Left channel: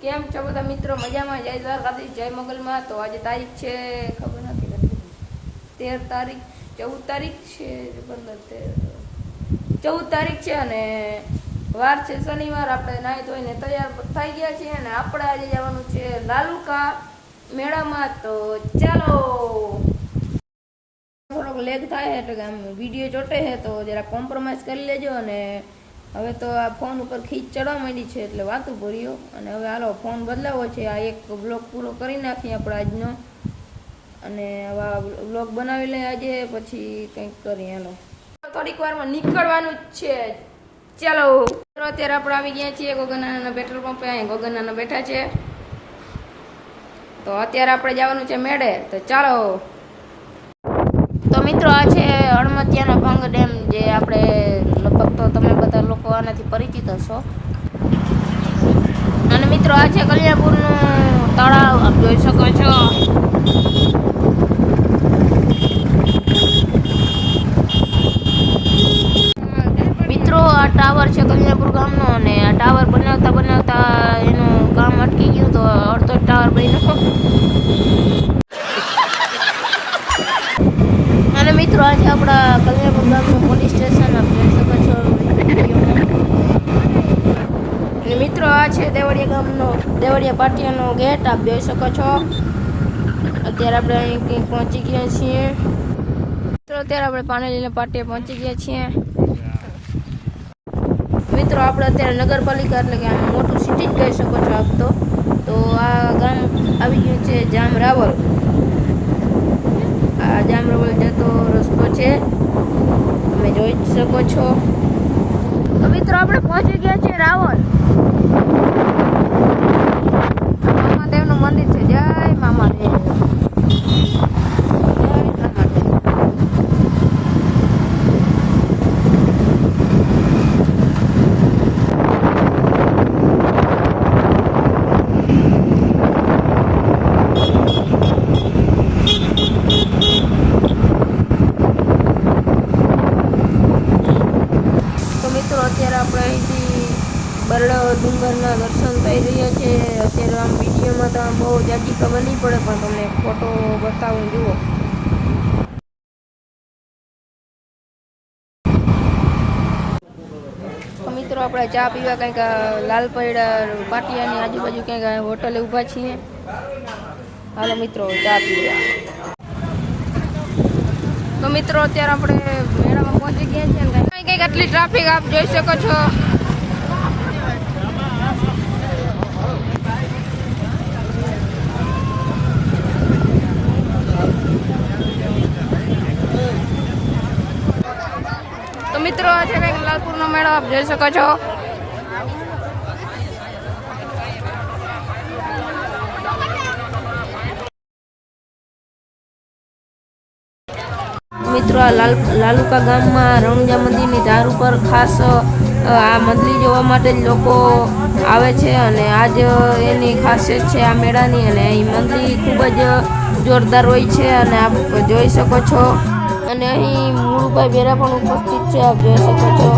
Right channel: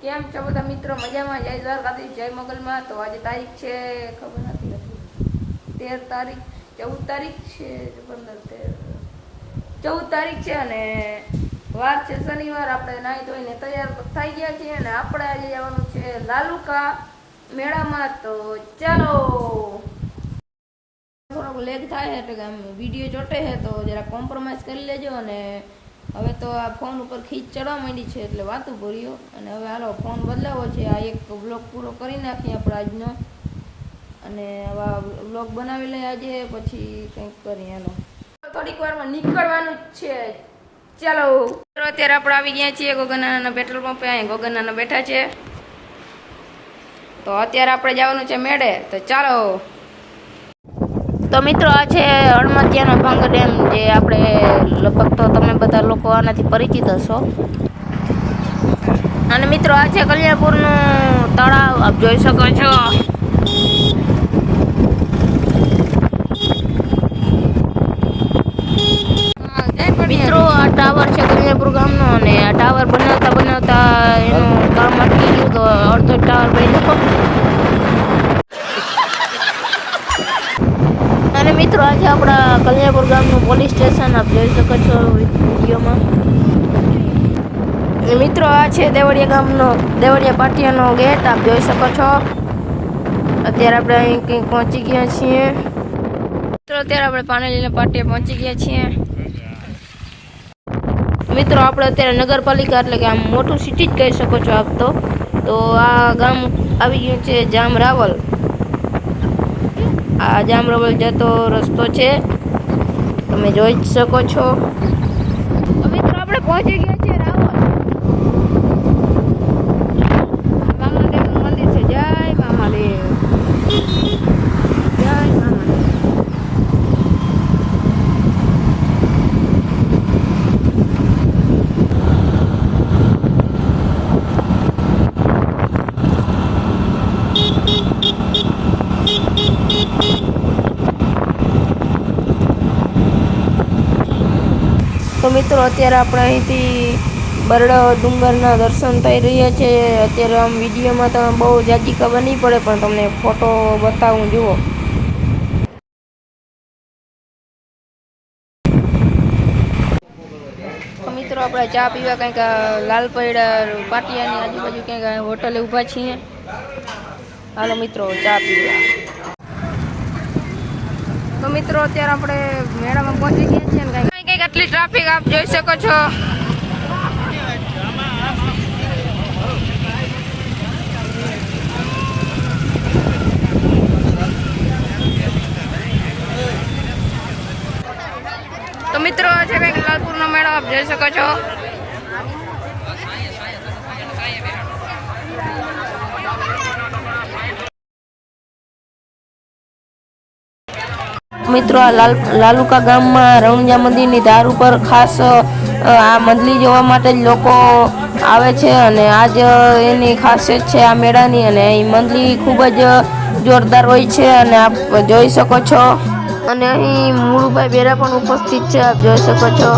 કેમ છો બધા મિત્રો? મજામાં? જય દ્વારકાધીશ, જય મંગલમાં. તો આજે તારીખ છે, ખબર નથી નથી તેર તારીખ, ચૌદ તારીખ છે, પંદર તેર. ચૌદ તારીખ છે અને વાર છે શનિવાર. આપણે નાહી ધોઈને તૈયાર થઈ ગયા છીએ અને આપણે આજે જવાનું છે લાલુકા મેળામાં. તો ચાલો. થોડોક લેગ થાય એટલે આમ વીડિયો ચોટે છે, તો જરા કોમ્પ્રોમાઇઝ કરી લેજો અને હવે તો આ ફોન ઉપર ખીચ ચડવા માંડી છે એટલે વાતું ભર્યો. અને હવે હાલો ફોન બદલાવો છે. આ એક બ્લોગ પૂરો કરી નાખીએ આપણે આજનો. અને આવા બ્લોગ બનાવી લઈએ આજે, પછી કંઈક કરીએ. હાલો. થોડીક વારમાં નીકળવાનું જ છે. ચાલો. અત્યારે આપણે આવી ગયા છીએ ગોગનાના પેટ્રોલ પંપે અહીં ગોગનાના બેઠા છે. તો અત્યારે આપણે જવાનું છે મેળે. તો ચાલો. તો મિત્રો આ છે હળમતિયાનો ભંગ ડેમ, જે આપણે લગભગ તો તમે બધા લોકો આનાથી પરિચિત હશો. અને મિત્રો આ છે કલ્યાણપુરનું તળાવ, આપ જોઈ શકો છો. મિત્રો આ ટાવર છે કલ્યાણપુર ગામનો અને આ ટાવર બનાવતા બનાવતા એનું કામ અટકી ગયું તો અડધો ટાવર બન્યો મિત્રો, આજે આપણા કલ્યાણપુર ગામનું પોલીસ સ્ટેશન આપ જોઈ શકો છો વિડીયોમાં. મિત્રો, આ છે દેવળિયા ગામનો, દેવળિયા પાટિયાનો ગેટ, આપ જોઈ શકો છો. અત્યારે આપણે અહીં કંઈક પહોંચી ગયા છીએ. મિત્રો, અત્યારે આપણે પાનેલીના પાટિયા પહોંચી ગયા છીએ. મિત્રો, આપણે અત્યારે નગરપાલિકા, એટલે કે આમ મોટું સિટી જ કહી શકો છો આપ તો. આ ગામ આવી ગયું છે જામ રાવલ આ જામરવલ જતો રસ્તો છે. તમે જોઈ જ શકો છો. તો મિત્રો, આપણે પહોંચી ગયા છીએ રાવલ મામાદેવનું મંદિર છે. જય મામાદેવ જય મામાદેવ તો મિત્રો અત્યારે આપણે અહીંથી બરડા ડુંગરના દર્શન થઈ રહ્યા છે. અત્યારે આમ વિડીયોમાં તો બહુ જાજી ખબર નહીં પડે, પણ તમને ફોટો બતાવું, જુઓ. મિત્રો, આપણે ચા પીવા કંઈક લાલપૈડા પાટિયાની આજુબાજુ કંઈક હોટલે ઊભા છીએ. હાલો મિત્રો, ચા પીવા. તો મિત્રો, અત્યારે આપણે મેળામાં પહોંચી ગયા છીએ. આટલી ટ્રાફિક આપ જોઈ શકો છો. તો મિત્રો છે કંઈક લાલપુરનો મેળો આપ જોઈ શકો છો. મિત્રો, આ લાલ લાલુકા ગામમાં રણુજા મંદિરની ધાર ઉપર ખાસ આ મંદિર જોવા માટે જ લોકો આવે છે અને આજ એની ખાસિયત છે આ મેળાની અને અહીં મંદિર ખૂબ જ જોરદાર હોય છે અને આપ જોઈ શકો છો. અને અહીં મુળુભાઈ બેરા પણ ઉપસ્થિત છે, આપ જોઈ શકો છો.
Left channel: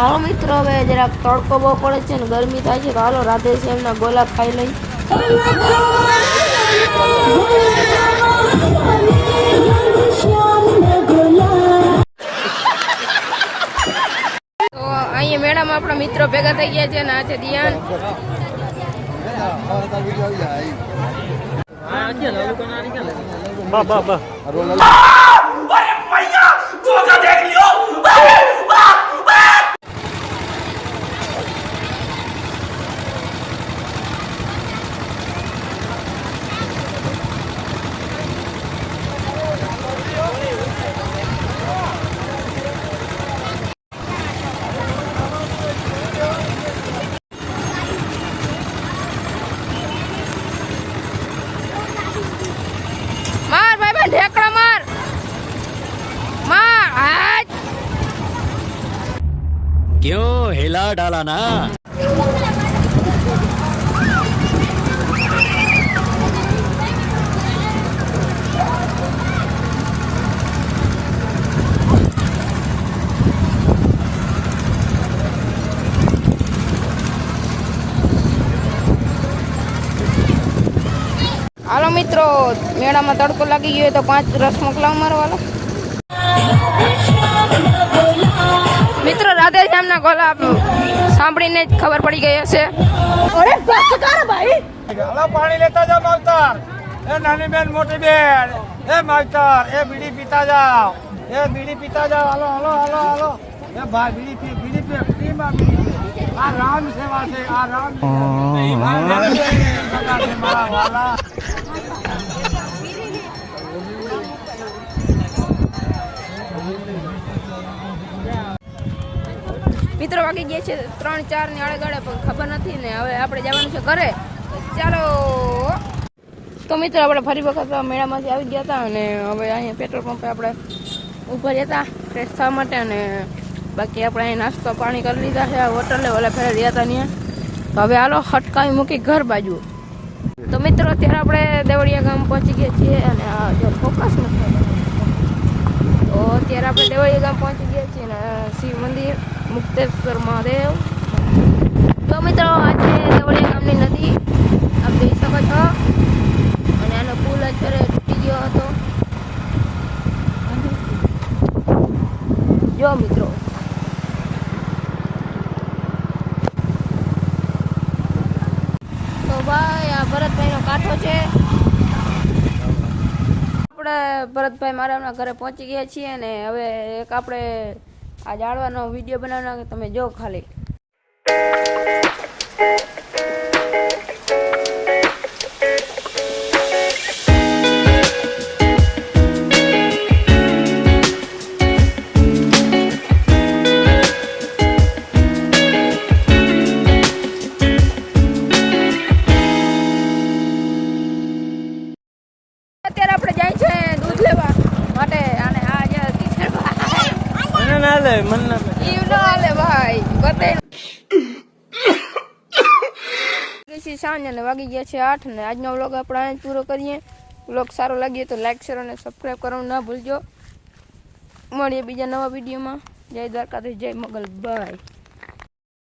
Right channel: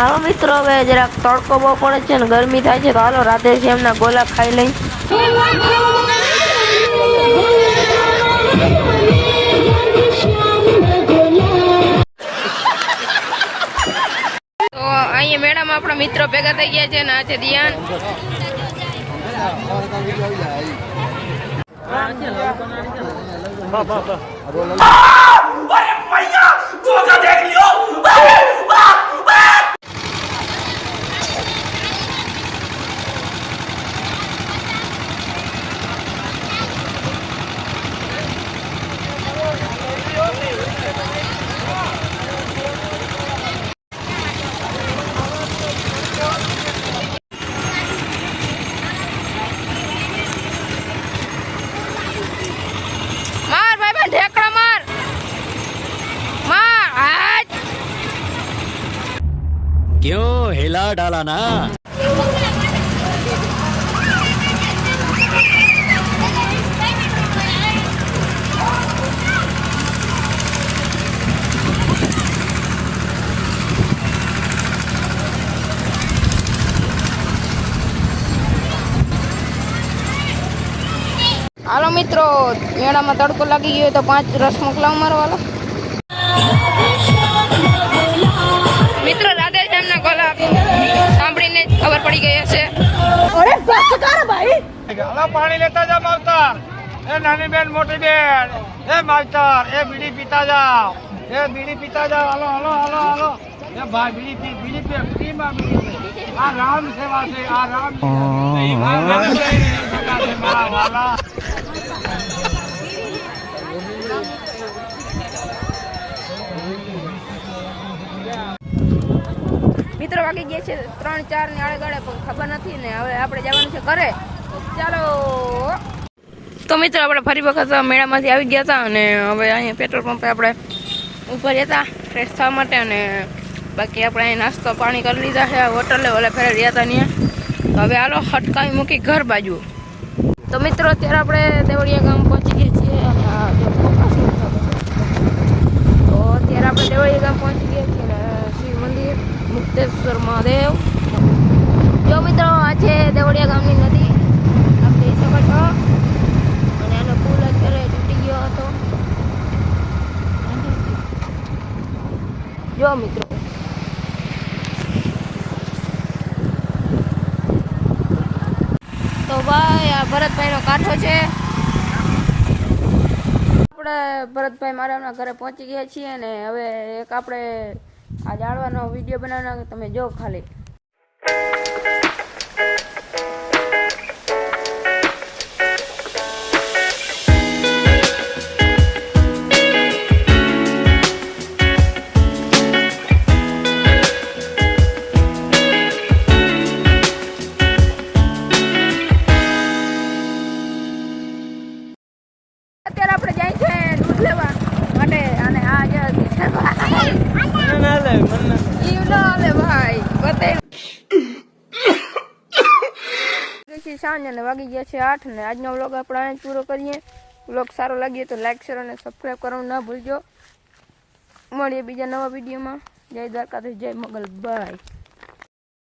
હાલો મિત્રો હવે જરાક તડકો બહુ પડે છે ને ગરમી થાય છે તો હાલો રાધે શ્યામના ગોલા ખાઈ લઈ. તો અહીંયા મેડમ આપણા મિત્રો ભેગા થઈ ગયા છે ને આજે દિયાન. બા બા બા. क्यों हिला डाला ना હાલો મિત્રો મેળામાં તડકો લાગી ગયો હોય તો પાંચ રસ મોકલાવ મારો પાણી લેતા જા માવતર. એ નાની બેન મોટી બેન. એ માવતર એ બીડી પીતા જાઓ. એ બીડી પીતા જાઓ. હાલો હાલો હાલો હાલો. એ ભાઈ બીડી પી બીડી પી પી માં બીડી પી. આ રામ સેવા છે આ રામ આ રામ સેવા છે મારા વાલા. મિત્રો વાગી ગયા છે ત્રણ ચાર ને આડે ગાળે પણ ખબર નથી ને. હવે આપણે જવાનું છે ઘરે. ચાલો. તો મિત્રો, આપણે ફરી વખત મેળામાંથી આવી ગયા હતા અને હવે અહીંયા પેટ્રોલ પંપે આપણે ઉપર હતા ફ્રેશ થવા માટે અને બાકી આપણે અહીં નાસ્તો પાણી કરી લીધા છે. હોટલે ઓલે ફેરે રહ્યા હતા ત્યાં. તો હવે હાલો, હટકાવી મૂકી ઘર બાજુ. તો મિત્રો, અત્યારે આપણે દેવળિયા ગામ પહોંચી ગયા છીએ અને જો ફોકસ નથી. તો અત્યારે આપણે દેવળિયા ગામ પહોંચી ગયા છીએ અને શિવ મંદિર. મુક્તેશ્વર મહાદેવ. જો મિત્રો આ છે ગામની નદી. આપ જોઈ શકો છો. અને આનો પુલ અત્યારે તૂટી ગયો હતો. જો મિત્રો. તો ભાઈ, આ ભરતભાઈનો કાંઠો છે. આપણે ભરતભાઈ મારા ઘરે પહોંચી ગયા છીએ અને હવે એક આપણે આ જાળવાનો વીડિયો બનાવવાનો તમે જો ખાલી. સાંજ અને વાગી ગયા છે આઠ ને આજનો વ્લોગ આપણે અહીં પૂરો કરીએ. વ્લોગ સારો લાગ્યો તો લાઈક શેર અને સબસ્ક્રાઈબ કરવાનું ના ભૂલજો. મળીએ બીજા નવા વિડીયોમાં જય દ્વારકાધીશ, જય મોગલ બાય